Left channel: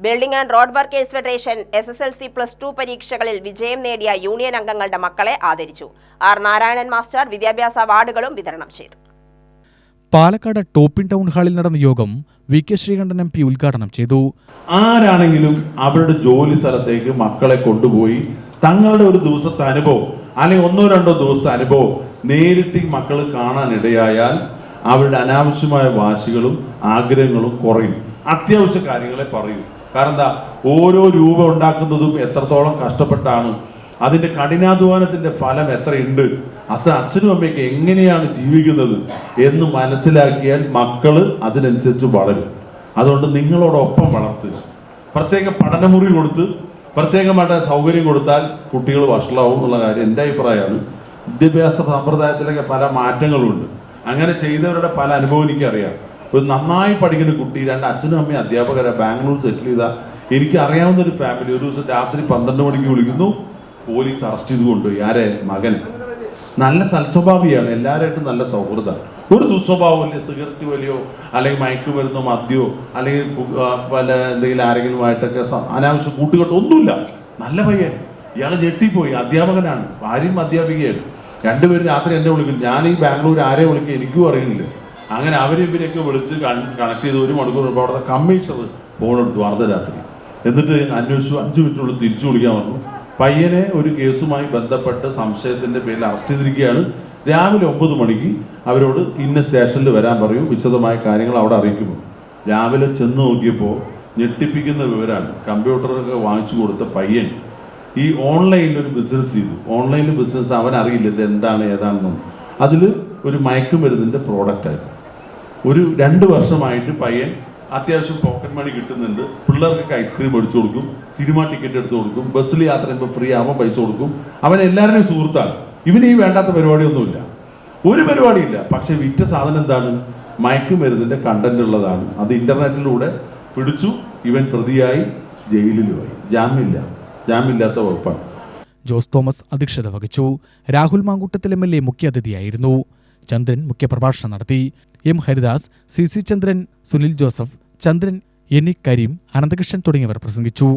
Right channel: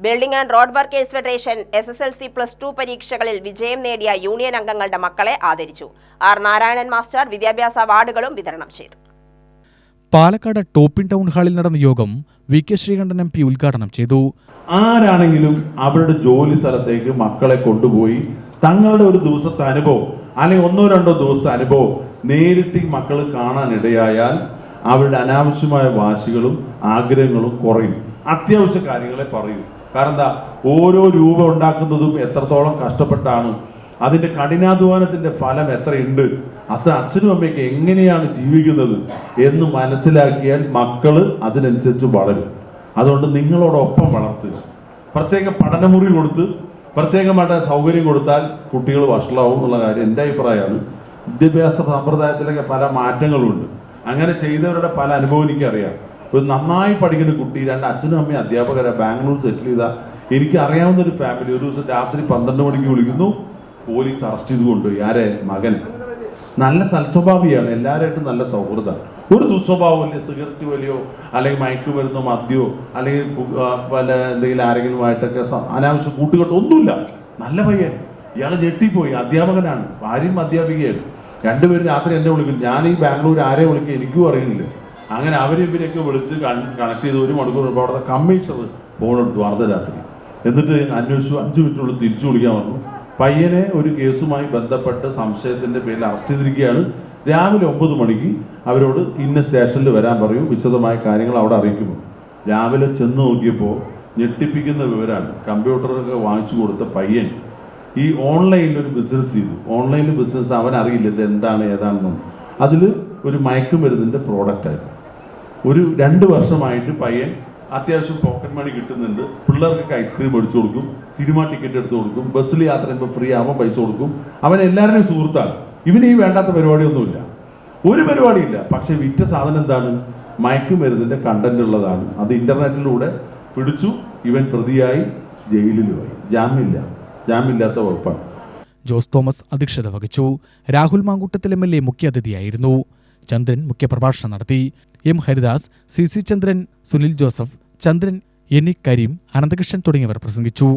Building and road workers federation SSLC+2 പരീക്ഷകളിൽ വിജയം നേടിയ യൂണിയൻ അംഗങ്ങളുടെ മക്കളെ ആദരിച്ചു. ആർ നാരായണൻ മാസ്റ്റർ വിദ്യാഭ്യാസ അവാർഡുകളും വിതരണം ചെയ്തു. പാലക്കാട് ടോപ്പിൻ ടൗൺ ഹാളിൽ നടന്ന യോഗം VK ശ്രീകണ്ഠൻ MP ഉദ്ഘാടനം ചെയ്തു. ആരാണെങ്കിലും അവരുടെ ജോലി സ്ഥലത്തേക്ക് മക്കളെ കൊണ്ടുപോയി തങ്ങളുടെ ഒരു ദിവസത്തെ അനുഭവം അല്ലെങ്കിൽ 1-2 ദിവസത്തെ അനുഭവം നേരിട്ട് മക്കൾ കാണാനിടയായാൽ അവരുടെ അനാവശ്യമായ വാശികളും ആഗ്രഹങ്ങളും കുറയും. അത്യാവശ്യ കാര്യങ്ങളെ പറയൂ. കാരണം എന്താ, ഓരോ രൂപ ഉണ്ടാക്കുന്നതും എത്രത്തോളം കഷ്ടപ്പെട്ടാണ്, അതിന്റെ കഠിനാധ്വാനത്തിന്റെ ഫലം എത്രയുണ്ട്, അത്ര അച്ഛനും അമ്മയ്ക്ക് എങ്ങനെയാണ് ജീവിക്കുന്നത് എന്ന് മനസ്സിലാക്കിയാൽ മക്കള് അതിനനുസരിച്ച് വളരും. അതുകൊണ്ട് നിങ്ങളോടൊപ്പം വളർത്തുക. പ്രത്യേക പഠനമുറി കൊടുത്ത് പ്രത്യേകമായിട്ട് സൗകര്യം കൊടുത്താൽ കുട്ടികൾ വഷളാവും എന്നുള്ള കാര്യം എൻ്റെ അഭിപ്രായമാണ്. വിദ്യാഭ്യാസ സമ്പ്രദായത്തിലൊക്കെ പല മാറ്റങ്ങളുണ്ട്. അങ്ങനെ ചെയ്തവരുടെ പല അനുഭവം എനിക്കറിയാം. ഒരു നന്നായി പഠിക്കുന്ന കുട്ടി, 2 അച്ഛനും അമ്മയും അധ്യാപകരെ ബാംഗ്ലൂർ സെറ്റിൽ ചെയ്ത എനിക്ക് അറിയാവുന്ന ഒരു ഫാമിലി ഒരു ദിവസം രാത്രി 12 മണിക്ക് വിളിക്കുന്നു, പോലീസ് അറസ്റ്റ് ചെയ്ത് കൊണ്ടുപോയി. ആരെ? മകൻ. നല്ല സൽസ്വഭാവിയാണ്, എല്ലാവരായിട്ടും നല്ല സൗഹൃദം. ഒരു ദുസ്വഭാവമില്ല. സിഗരറ്റ് വലിയോ അല്ലെങ്കിൽ മയക്കുമരുന്നോ മദ്യമോ അല്ലെങ്കിൽ പല എന്തെങ്കിലും ആരെങ്കിലുമായിട്ടൊക്കെ അനാവശ്യ കൂട്ടുകെട്ടോ ഒന്നുമില്ല. നല്ല പയ്യൻ. ഇയാൾ ഞെട്ടിപ്പോയി. അധ്യാപകനാണ്, ഭാര്യയും അധ്യാപികയാണ്. 2 പേരും രാത്രി എന്നെ വിളിക്കും. ഞാൻ ഈ ബാംഗ്ലൂർ ആരെ വിളിക്കുക എനിക്കും അറിയില്ല. അങ്ങനെ ഇവരെയൊക്കെ വിളിച്ച് കണക്ട് ചെയ്ത് 1 മണിക്കൂർ അവിടുത്തെ കമ്മീഷണർ ഫോൺ എടുത്തു അർദ്ധരാത്രി. എന്നിട്ട് അന്വേഷിച്ചു. 5 മിനിറ്റിനുള്ളിൽ തിരിച്ചു വിളിക്കാൻ പറഞ്ഞു. പയ്യനെ ഒരു കേസുമായി ബന്ധപ്പെട്ട് സംശയത്തിന്റെ പേരിൽ അറസ്റ്റ് ചെയ്തിരിക്കുകയാണ്. രാവിലെ 9 മണിക്ക് അവരോട് ഇന്ന സ്റ്റേഷനിൽ വരാൻ പറയും, വിശദമായ കാര്യങ്ങൾ അവിടെ അറിയിക്കുന്നു. രാവിലെ ചെന്ന് നോക്കിയപ്പോൾ ഞെട്ടിപ്പിക്കുന്ന വിവരമാണ്. കമ്പ്യൂട്ടറൊക്കെ വാങ്ങിച്ചു കൊടുത്ത പയ്യൻ ഈ ഓൺലൈനിൽ ഒരു ബിസിനസ് ചെയ്തു. ഓൺലൈനിൽ ബിസിനസ് അവൻ അറിയില്ല ഇത് എന്താണ് ഏതാണെന്നും. അതിൽ ഒരു മയക്കുമരുന്നിന്റെ പ്രോഡക്റ്റായിരുന്നു. ഒരു 2 വർഷമായിട്ട് പയ്യൻ അത്യാവശ്യം പോക്കറ്റ് മണി കിട്ടുന്നുണ്ട്. പിള്ളേർക്കൊക്കെ ഐസ്ക്രീം മേടിച്ചു കൊടുക്കും, സിനിമ ടിക്കറ്റ് എടുത്തു കൊടുക്കും, ബസ്സിൽ യാത്ര ചെയ്യുമ്പോൾ ഫ്രീ ആവാൻ പൈസ കൊടുക്കും. അവൻ എല്ലാവരുടെയും സുഹൃത്താണ്. ഇവന് ഈ വേണ്ടാത്ത പരിപാടിയൊന്നുമില്ല, ഒരു പരിപാടിയില്ല. പക്ഷെ വിറ്റ സാധനം എന്താണ്? മയക്കുമരുന്നിന്റെ കണ്ടന്റ് ഉള്ളതാണ്. അത് ഇന്റർനെറ്റിലൂടെ പിടിച്ചു. ഇവൻ പ്രതിയായി ജയിലിൽ പോയി. ജാമ്യമില്ലാത്ത വകുപ്പാണ്. ജോസ് തോമസ് അധ്യക്ഷത വഹിച്ചു. രാഹുൽ മാങ്കൂട്ടത്തിൽ MLA മുഖ്യാതിഥിയായിരുന്നു. ചന്ദ്രൻ മുഖ്യപ്രഭാഷണം നടത്തി. M ഹരിദാസ്, CC ചന്ദ്രൻ, സുനിൽ ജോസഫ്, ചന്ദ്രൻ, കരീം, അനന്തകൃഷ്ണൻ തുടങ്ങിയവർ പ്രസംഗിച്ചു.